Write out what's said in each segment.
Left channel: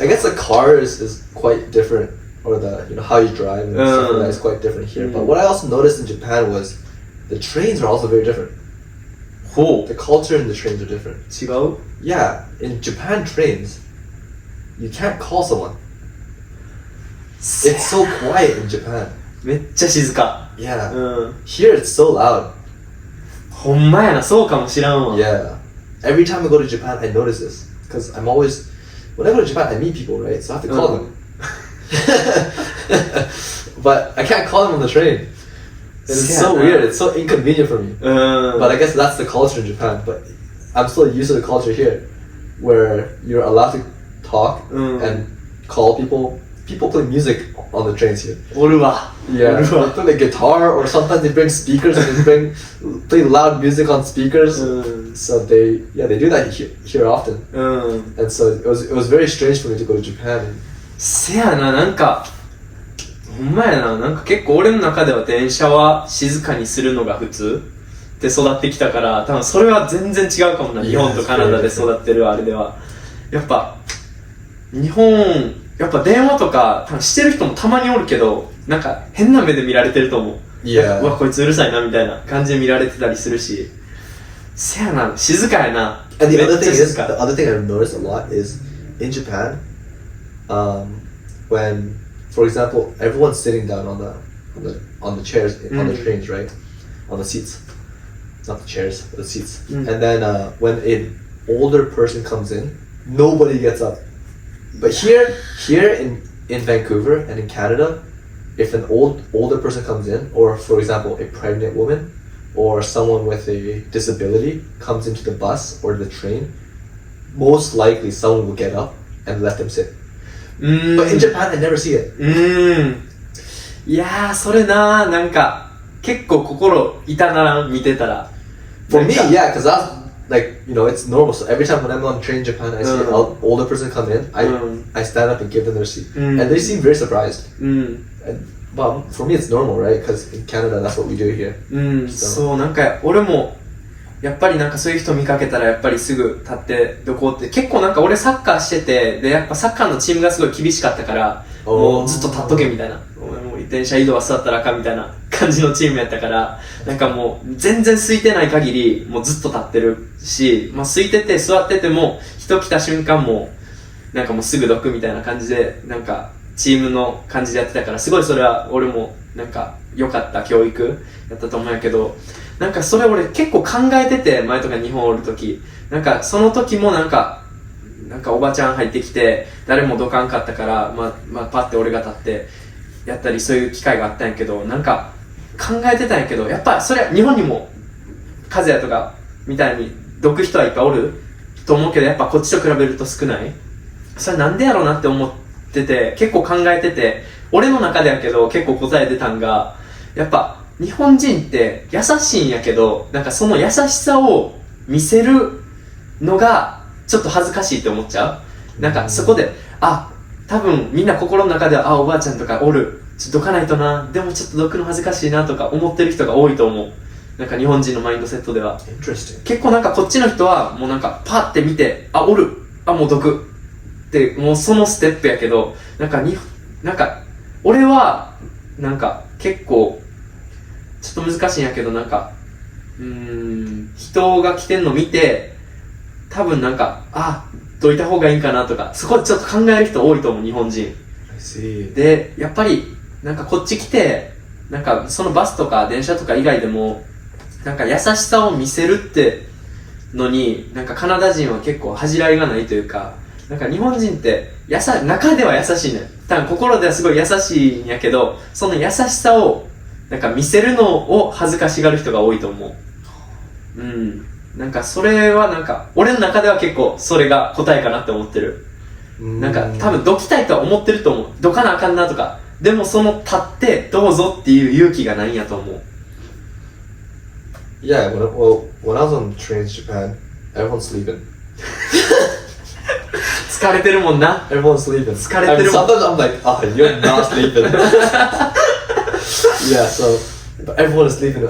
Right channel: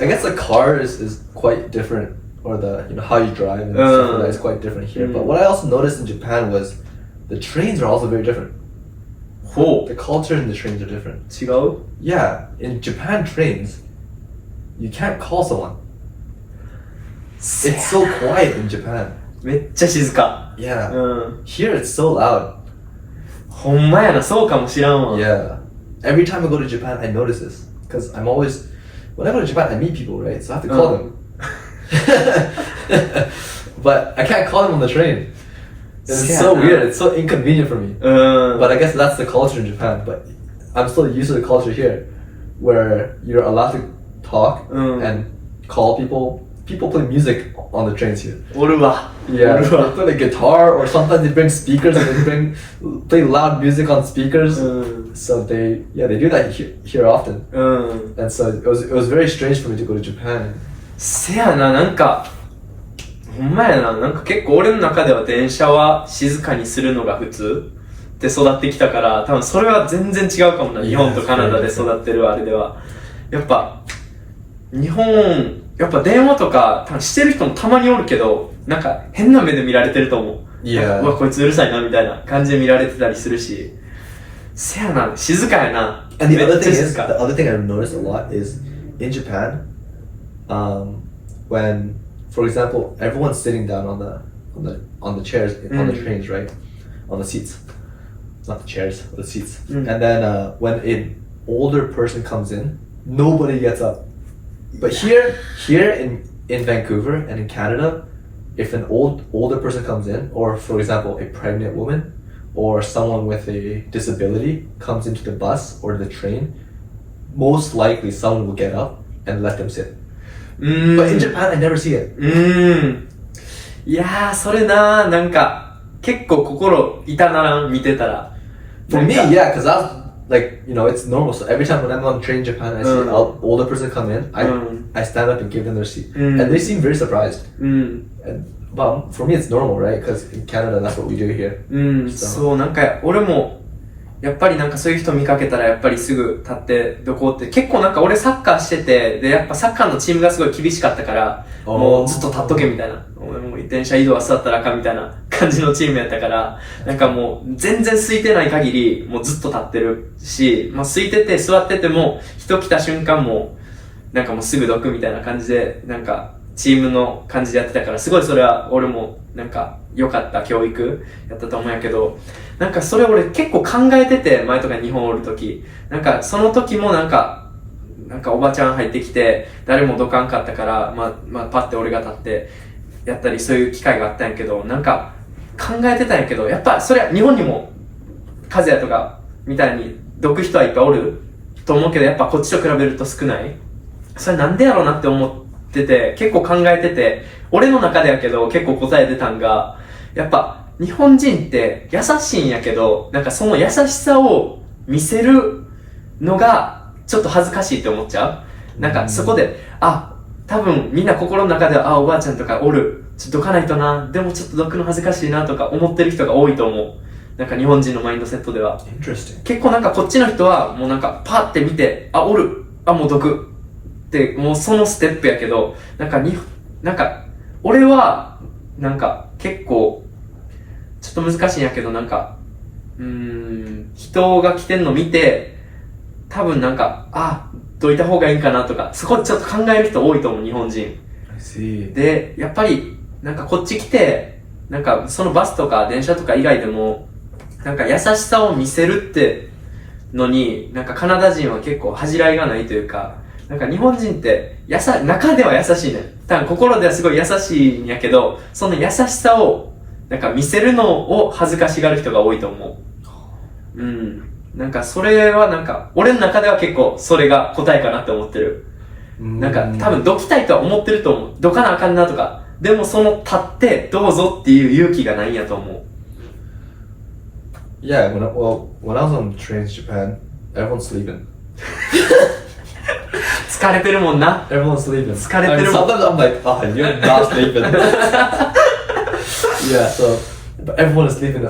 I guess the cars is quite different, or the how you drive and stuff like that is quite different here. But what I also noticed in Japan was the trains are also very different. The culture in the trains are different. 違う Yeah, in Japan trains, you can't call someone. It's so quiet in Japan. めっちゃ静か Yeah. うん Here it's so loud. ほんまやなそうかもしらんわ Yeah. Every time I go to Japan, I notice this. Because I'm always, when I go to Japan, I meet people, right? So I have to call them. But I can't call them on the train. It's so weird. It's so inconvenient for me. うん But I guess that's the culture in Japan. But I'm still used to the culture here, where you're allowed to talk and call people. People play music on the trains here. おるわ Yeah, おる they わ play like guitar, or sometimes they bring speakers and they play loud music on speakers. うん So they do that here often. うん And so it was very strange for me to go to Japan. せやななんかほんまやななんか結構俺の中では電車は静かにするのが普通で育ってきたから多分それは全然違うかもな Yeah, 日本とカナダで育ってるあれではやっぱ日本やっぱ電話とか多分してる人もたまにおるけどなんか変な目で見られてると思う Yeah. なんかうわこいつうるさいなみたいな感じで見られてたりするしせやな静かやな And the めっ other ちゃ thing 静 is, か the other thing I've noticed a lot is in Japan, when, for example, everyone's sitting down on the chairs on the trains, right, on the seats, not the chairs, but the seats. And then when an older person comes in, nobody gets up. But here in Vancouver and in Canada, if an older person comes in, or for example, a pregnant woman, or someone with a disability comes into the bus or the train, most likely someone will get up and let them sit. But in Japan, I never see it. いやーそれなーなんか結構心痛ならん見てたら For me, yeah, because that's like, it's normal. So every time when I'm on train in Japan, I see an older person come in, I stand up and give them their seat. And they seem very surprised. But for me, it's normal, right? Because in Canada, that's what we do here. そうなんか俺もやっぱりなんかそういう人見かけたらやっぱりすぐ立ってどこって結構なんか俺サッカーしててでやっぱサッカーのチームがすごい厳しかったからもうずっと立っとけみたいな俺も電車移動は座ったらあかんみたいな感じのチームやったからなんかもう全然空いてない限りもうずっと立ってるし、まあ、空いてて座ってても人来た瞬間もなんかもうすぐどくみたいな感じでなんかチームの感じでやってたからすごいそれは俺もなんか良かった教育やったと思うんやけどなんかそれ俺結構考えてて前とか日本おるときなんかその時もなんかおばちゃん入ってきて誰もどかんかったからまあパッて俺が立ってやったりそういう機会があったんやけどなんか考えてたんやけどやっぱそれは日本にも和也とかみたいにどく人はいっぱいおると思うけどやっぱこっちと比べると少ないそれなんでやろうなって思ってて結構考えてて俺の中でやけど結構答え出たんがやっぱ日本人って優しいんやけどなんかその優しさを見せるのがちょっと恥ずかしいって思っちゃうなんかそこで多分みんな心の中ではおばあちゃんとかおるちょっとどかないとなでもちょっとどくの恥ずかしいなとか思ってる人が多いと思うなんか日本人のマインドセットでは Interesting. 結構なんかこっちの人はもうなんかパッて見ておるもうどくってもうそのステップやけどなんか俺はなんか結構ちょっと難しいんやけどなんか人が来てんの見て多分なんかどいた方がいいんかなとかそこちょっと考える人多いと思う日本人 I see. でやっぱりなんかこっち来てなんかそのバスとか電車とか以外でもなんか優しさを見せるってのになんかカナダ人は結構恥じらいがないというかなんか日本人って中では優しいね多分心ではすごい優しいんやけどその優しさをなんか見せるのを恥ずかしがる人が多いと思うなんかそれはなんか俺の中では結構それが答えかなって思ってるなんか多分どきたいとは思ってると思うどかなあかんなとかでもその立ってどうぞっていう勇気がないんやと思う Yeah, when I was on trains in Japan, everyone's sleeping. 疲れてるもんな Everyone's sleeping. 疲れてるもん Sometimes I'm like, you're not sleeping. Yeah, so but everyone is sleeping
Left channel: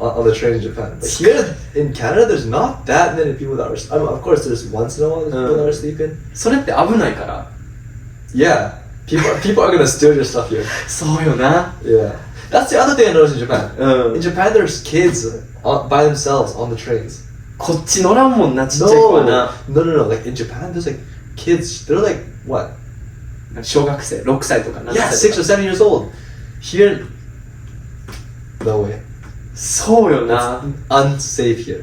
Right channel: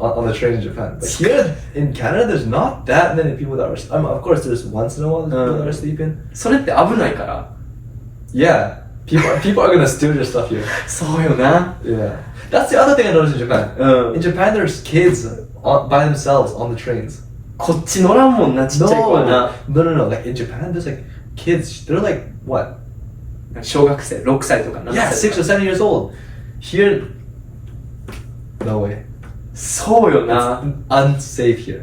on the train in Japan. But here in Canada, there's not that many people that are. I mean, of course, there's once in a while people that are sleeping. それって危ないから。 Yeah, people are gonna steal your stuff here. そうよな。 Yeah, that's the other thing I noticed in Japan. うん。 In Japan, there's kids by themselves on the trains. こっち乗らんもんな、ちっちゃい子はな。 No. Like in Japan, there's like kids. They're like what? 小学生、6歳とか7 Yeah, 歳 6 or とか。 7 years old. Here, no way. そうよな。 Unsafe here.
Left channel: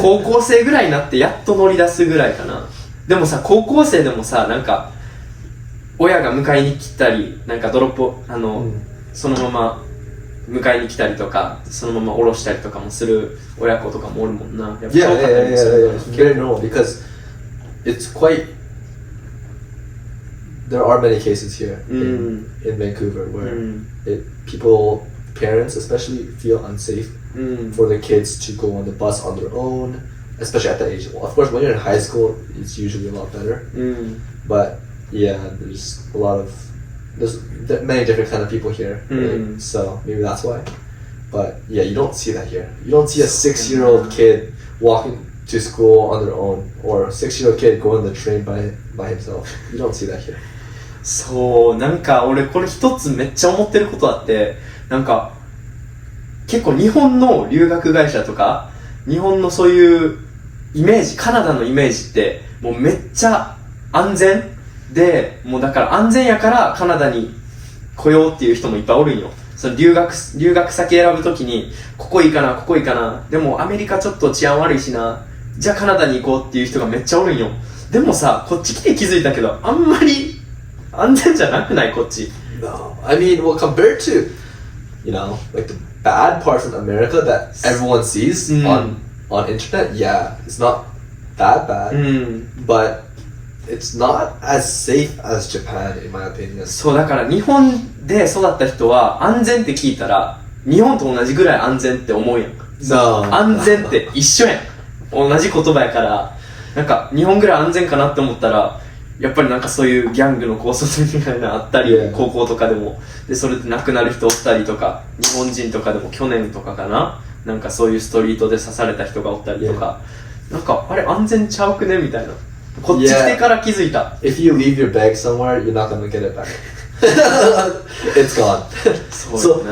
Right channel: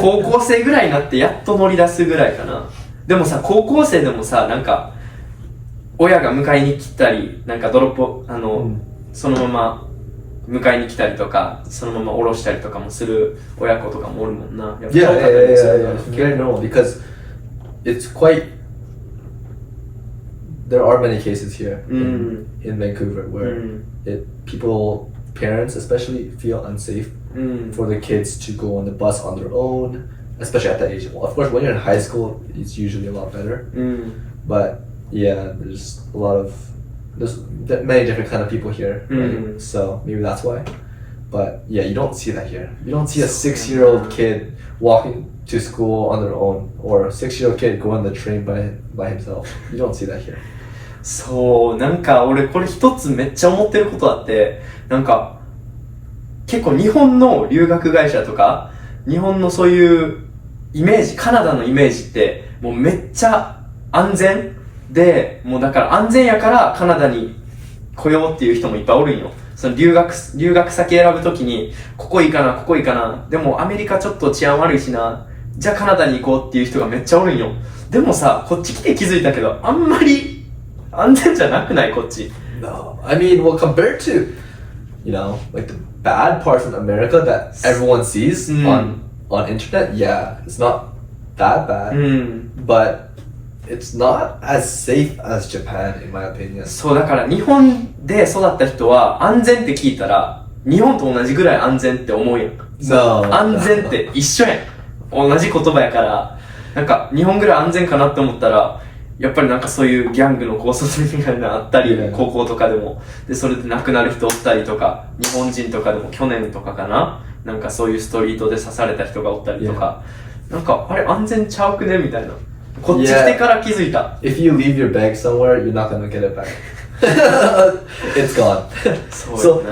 高校生ぐらいになってやっと乗り出すぐらいかな。でもさ、高校生でもさ、なんか、親が迎えに来たり、なんかドロップ、そのまま迎えに来たりとか、そのまま降ろしたりとかもする親子とかもおるもんな。やっぱ Yeah. 遠かったりもするな。 It's very normal because it's quite. There are many cases here in Vancouver where people, parents especially, feel unsafe for their kids to go on the bus on their own, especially at that age. Well, of course, when you're in high school, it's usually a lot better. But yeah, there's many different kind of people here, right? So maybe that's why. But yeah, you don't see that here. You don't see a 6-year-old kid walking to school on their own, or a 6-year-old kid going on the train by himself. You don't see that here. そう、なんか俺これ一つめっちゃ思ってることあって、なんか結構日本の留学会社とか、日本のそういうイメージ、カナダのイメージってもうめっちゃ安全で、もうだから安全やからカナダに来ようっていう人もいっぱいおるんよ。その留学先選ぶときに、ここいいかな、ここいいかな。でもアメリカちょっと治安悪いしな。じゃあカナダに行こうっていう人がめっちゃおるんよ。でもさ、こっち来て気づいたけど、あんまり安全じゃなくないこっち。 No, I mean, well, compared to, like the bad parts in America that everyone sees on internet, yeah, it's not that bad, but it's not as safe as Japan, in my opinion. そうだから日本で育った人は安全って聞いたら日本と同じぐらい安全って思うやん。 No, 安全って一緒やん。同じ言葉やからなんか日本ぐらい安全かなって思ったらやっぱりなんかそういうギャングの考察みたいなのあったり、Yeah. 高校とかでもでそれで亡くなる人おったりとか、日本人とかでも去年とかかな、なんかそういうストリートで刺された人がおったりとか、なんかあれ安全ちゃうくねみたいな、こっち来てから気づいた。 If you leave your bag somewhere, you're not gonna get it back. It's gone. So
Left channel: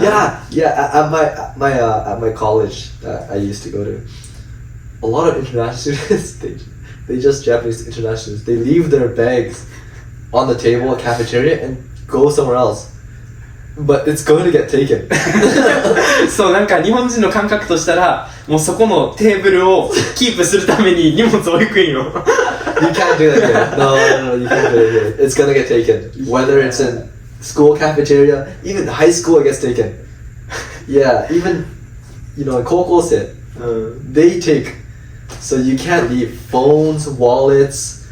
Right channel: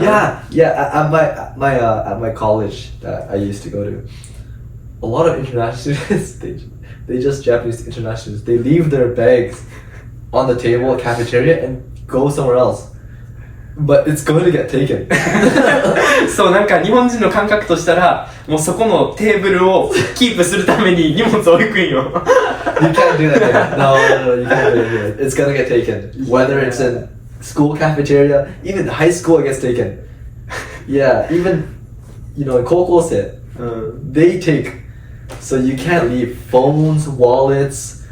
yeah. At my college that I used to go to, a lot of international students, they just Japanese international students, they leave their bags on the table, cafeteria, and go somewhere else. But it's going to get taken. そうなんか日本人の感覚としたらもうそこのテーブルをキープするために荷物を置くんよ。 You can't do that here. No, you can't do it here. It's gonna get taken. Whether it's in school cafeteria, even high school it gets taken. Yeah, even, in Kokose, they take. So you can't leave phones, wallets,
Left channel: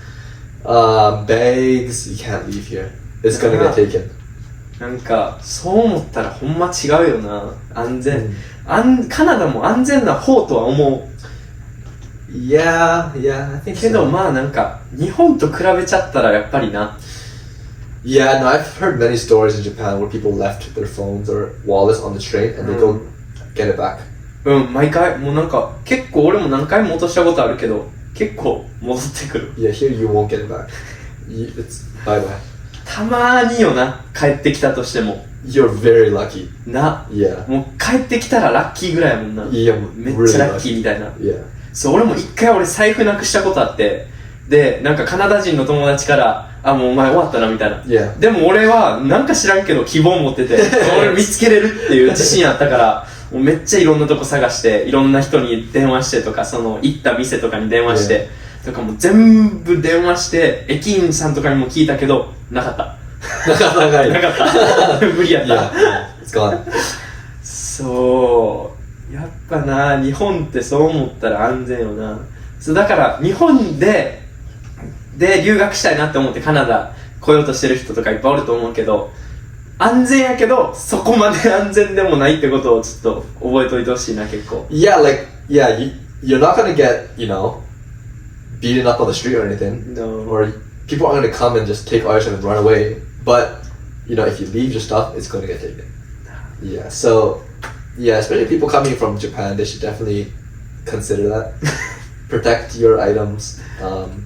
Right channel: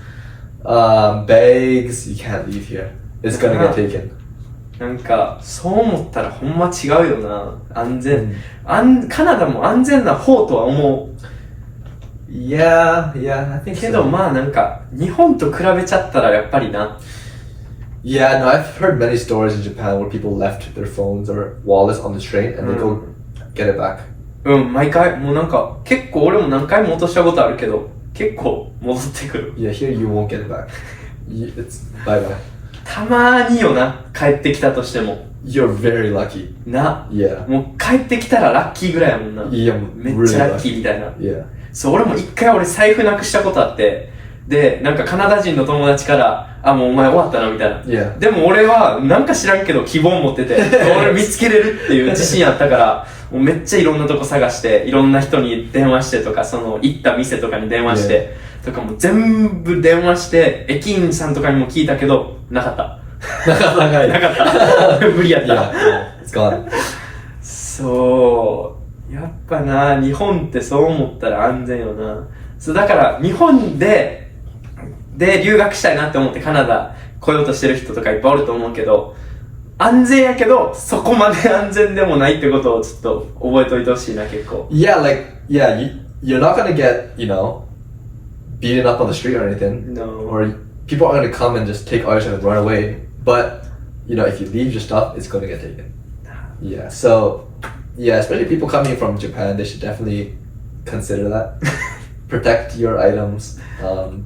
bags, you can't leave here. It's gonna get taken. なんかそう思ったらほんま違うよな、安全、カナダも安全な方とは思う。 Yeah, I think けど so. まあなんか日本と比べちゃったらやっぱりな。 Yeah, no, I've heard many stories in Japan where people left their phones or wallets on the train and they go get it back. 毎回もうなんか結構俺も何回も落としたことあるけど結構戻ってくる。 Yeah, here you won't get it back. It's bye bye. たまーによな、帰ってきたとしても You're very lucky. な。 Yeah. もう帰ってきたらラッキーぐらいやもんな。 Yeah, めっ really ちゃラッキ lucky. ーみたいな。 Yeah. そう、俺も一回俺財布なくしたことあって、で、なんかカナダ人の友達から、あ、もうお前終わったなみたいな。Yeah. でも俺はなんか知らんけど希望持ってて、俺見つけれるっていう自信あったから、もうめっちゃいろんなとこ探して、いろんな人に電話してとか、その行った店とかに電話して、とかもう全部電話して、駅員さんとかにも聞いたけど、なかった。なかった。無理やった。Yeah, it's gone. そう。やっぱな、日本ってそう思ったら安全よな。そうだから日本で留学したいなって思ってカナダ来ようとしてる人とかいっぱいおると思うけど、安全やけどそこまで安全でもないってことをちょっと覚えといてほしいな、結構。 Yeah, you're not gonna get, beaten up on the street or anything. No. Or people aren't gonna come and just take all your stuff and run away. But, if you leave your stuff, it's gonna get taken. Yeah, so, Yeah, especially people coming from Japan, they should definitely consider that. Protect your items.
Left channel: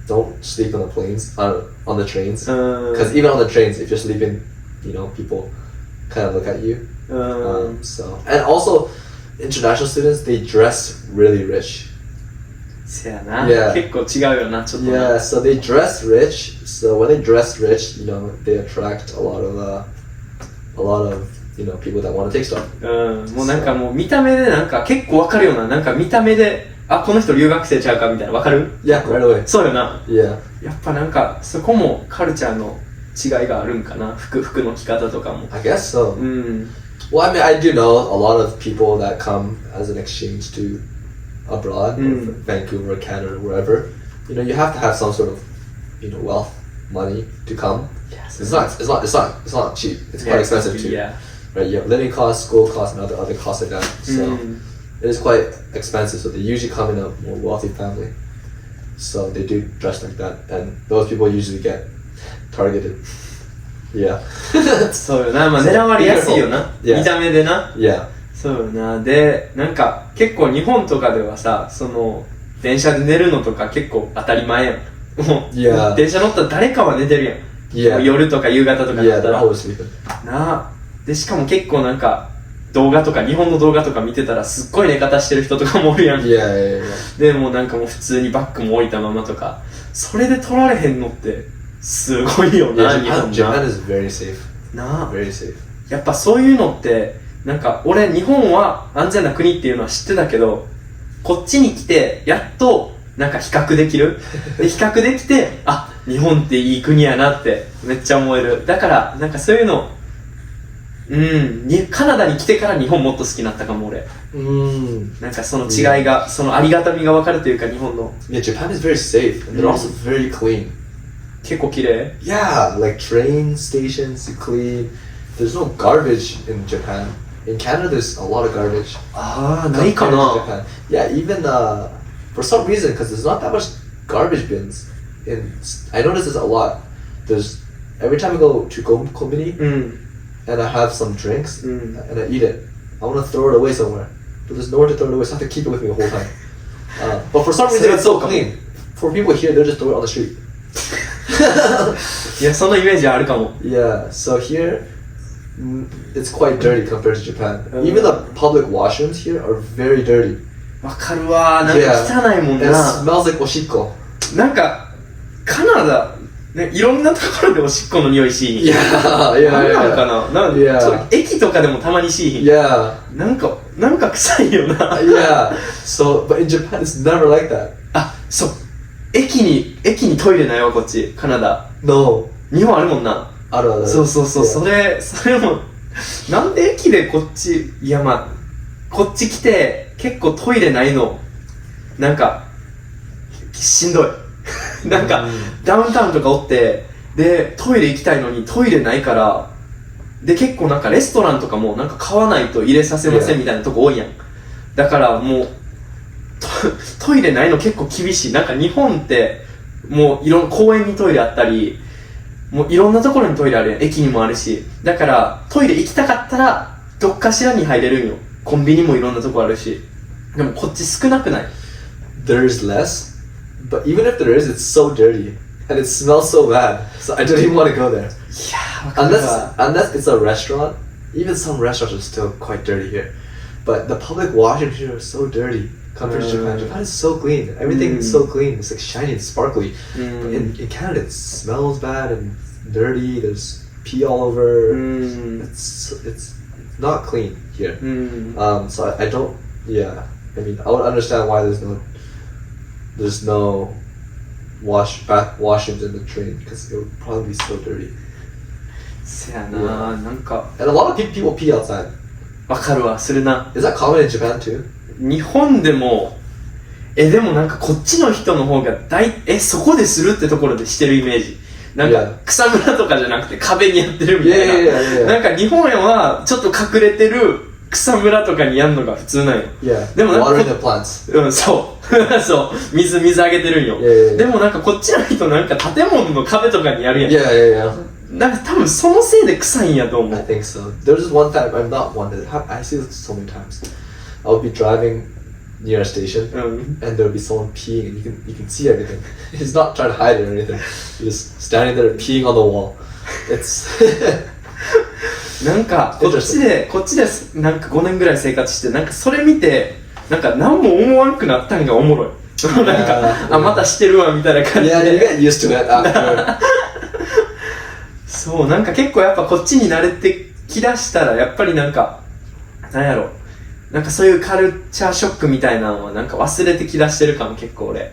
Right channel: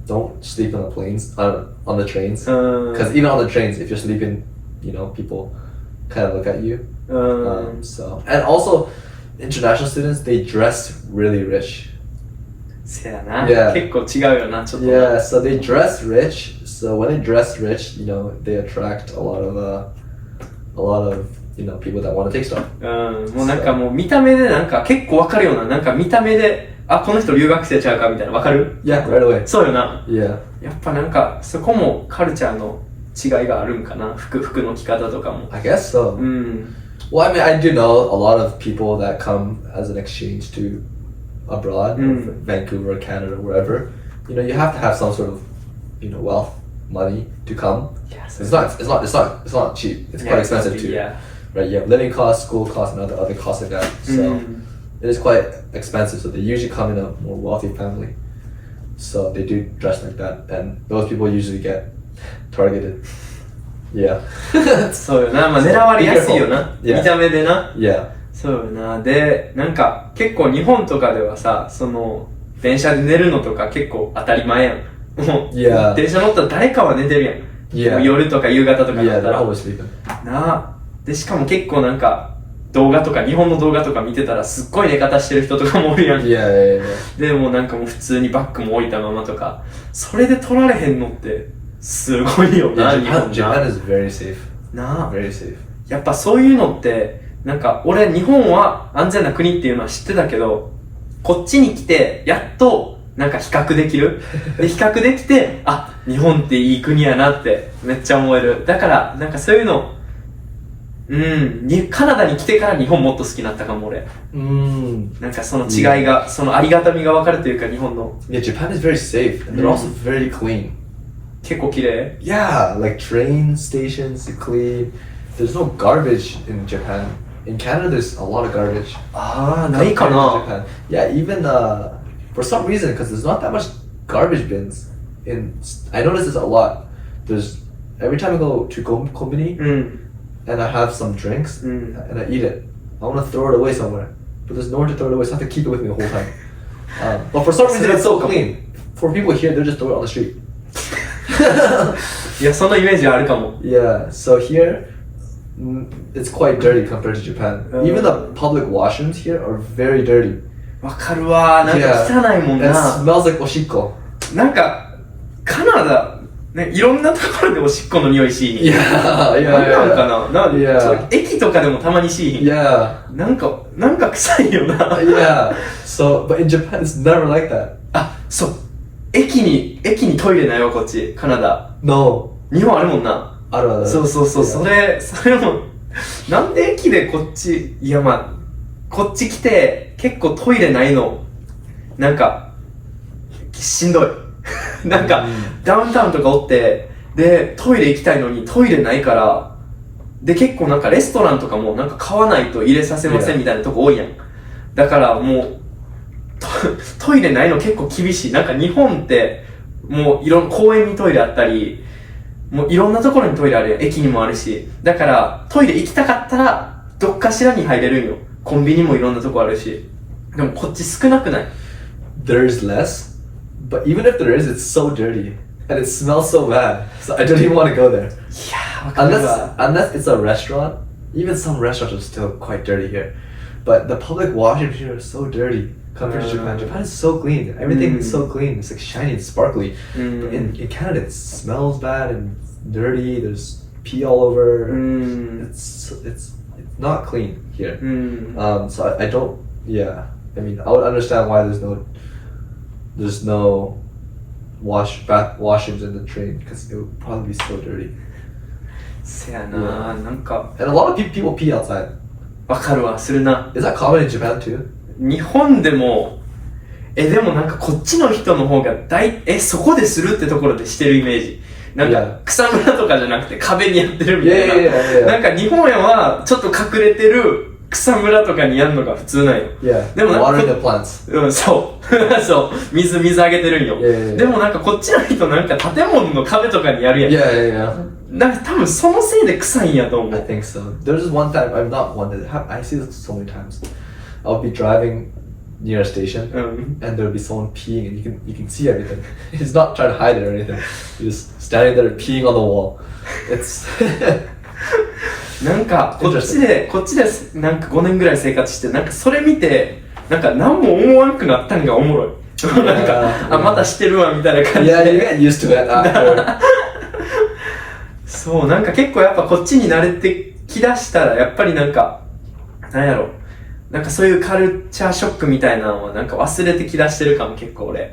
Don't sleep on the planes, on the trains. Because even on the trains, if you're sleeping, you know, people kind of look at you. So, and also, international students, they dress really rich. せやな。 Yeah. 結構違うよな、ちょっとな。 Yeah, so they dress rich. So when they dress rich, you know, they attract a lot of you know, people that want to take stuff. もうなんかもう見た目でなんか結構わかるような、なんか見た目で、あ、この人留学生ちゃうかみたいな、わかる？ Yeah, right away. そうよな。 Yeah. やっぱなんか、そこもカルチャーの違いがあるんかな。服の着方とかも。I guess so. うん。 Well, I mean, I do know a lot of people that come as an exchange to abroad, Vancouver, Canada, wherever. You know, you have to have some sort of, you know, wealth, money to come. Yes. It's not cheap. It's quite expensive too. Yeah. Right? You have living costs, school costs, and other costs like that. So it is quite expensive. So they usually come in a more wealthy family. So they do dress like that, and those people usually get targeted. Yeah. そうよな。まあ狙われやすいよな。 Yeah. 見た目でな。 Yeah. そうよな。で、なんか結構日本とかではさ、その電車で寝るのとか結構当たり前やん。もう、 Yeah. 電車乗ったら誰かは寝てるやん。 Yeah. 夜とか夕方とかだ Yeah, った they're ら。 always sleeping. なあ。で、しかも結構なんか動画とか、日本の動画とか見てたらすっごい寝方してる人とかもおるやん。 Yeah, yeah, yeah. でもなんかもう普通にバッグも置いたままとか。それで撮られへんのってすごいよな、 Yeah, 日本 Japan な。 is very safe. なあ。 Very safe. やっぱそういうのってなんか俺日本は安全な国っていうのは知ってたけど、こっちに来てやっとなんか比較できる。で比較できて、あ、日本っていい国やなってめっちゃ思える。だからなんかそういうの、カナダに来てから日本もっと好きになったかも俺。なんかその違いが、そのありがたみが分かるというか日本の。 Yeah, Japan is very safe, and they're also very clean. 結構綺麗。 Yeah, like train stations, you clean. There's no garbage in Japan. In Canada, there's a lot of garbage. ああ、ないか compared to な。 Japan. Yeah, even for some reason, because there's not that much garbage bins. I notice this a lot. There's every time I go to Kombini うん。 and I have some drinks うん。 and I eat it, I want to throw it away somewhere, but there's nowhere to throw it away, so I have to keep it with me the whole time. But for some reason, it's so clean. For people here, they'll just throw it on the street. いや、そのイメージはあるかも。 Yeah, so here, it's quite dirty compared to Japan. Even the public washrooms here are very dirty. わかるわ。なんか汚いもん It な。 smells like oshiko. なんか、カナダ、ね、いろんなところでおしっこの匂いしい。 Yeah, なん yeah, なんか yeah. な。なん Yeah. そう駅とかでもたまにしいひん。 Yeah, なんか臭いよな。 yeah. So, but in Japan, it's never like that. あ、そう。駅にトイレないわ、こっち。カナダ。 No. 日本あるもんな。 そうそうそう、 Yeah. それも、なんで駅でこっち、いやまあ、こっち来て結構トイレないの、なんか、しんどい。なんか、ダウンタウンとかおって、で、トイレ行きたいのにトイレないから、で、結構なんかレストランとかもなんか買わないと入れさせませんみたいなとこ多いやん。だからもう、トイレないの結構厳しい。なんか日本って、もう公園にトイレあったり、もういろんなところにトイレあるやん。駅にもあるし。だから、トイレ行きたかったら、どっかしらに入れるんよ。コンビニもいろんなとこあるし。でもこっち少なくない？ There's less, but even if there is, it's so dirty. And it smells so bad. So I don't even want to go there. いやー、わかるわ。 Unless it's a restaurant. Even some restaurants are still quite dirty here. But the public washrooms here are so dirty compared to Japan. Japan is so clean. Everything is so clean. It's like shiny and sparkly. But in Canada, it smells bad and dirty. There's pee all over. It's not clean here. So I don't. Yeah. I mean, I would understand why there's no washrooms in the train because it would probably be so dirty. せやな、なんか And a lot of people pee outside. わかるわ、するな。 Is that common in Japan too? 日本でも、でもなんかこっちの人の方がそこでするってところでしてるイメージ。なんか草むらとかじゃなくて壁にやってるみたいな。なんか日本はちょっと隠れてる草むらとかにやんのが普通なんよ。 Yeah. でもなんか Watering the plants. うん、そうそう水あげてるんよ。 Yeah, yeah, yeah. でもなんかこっちの人なんか建物の壁とかにやるやん。 Yeah, yeah, yeah. なんか多分そのせいで臭いんやと思 I う。 think so. There was one time, I'm not one that I see this so many times. I'll be driving near a station うん。 and there'll be someone peeing and you can see everything. He's not trying to hide it or anything. He's just standing there peeing on the wall. It's なんかこっちでなんか5年ぐらい生活してなんかそれ見てなんか何も思わんくなったんがおもろい。なんかあまたしてるわみたいな感じ yeah, you で。 get used to it after. そうなんか結構やっぱこっちに慣れてきだしたらやっぱりなんかなんやろなんかそういうカルチャーショックみたいなのはなんか忘れてきだしてるかも結構俺。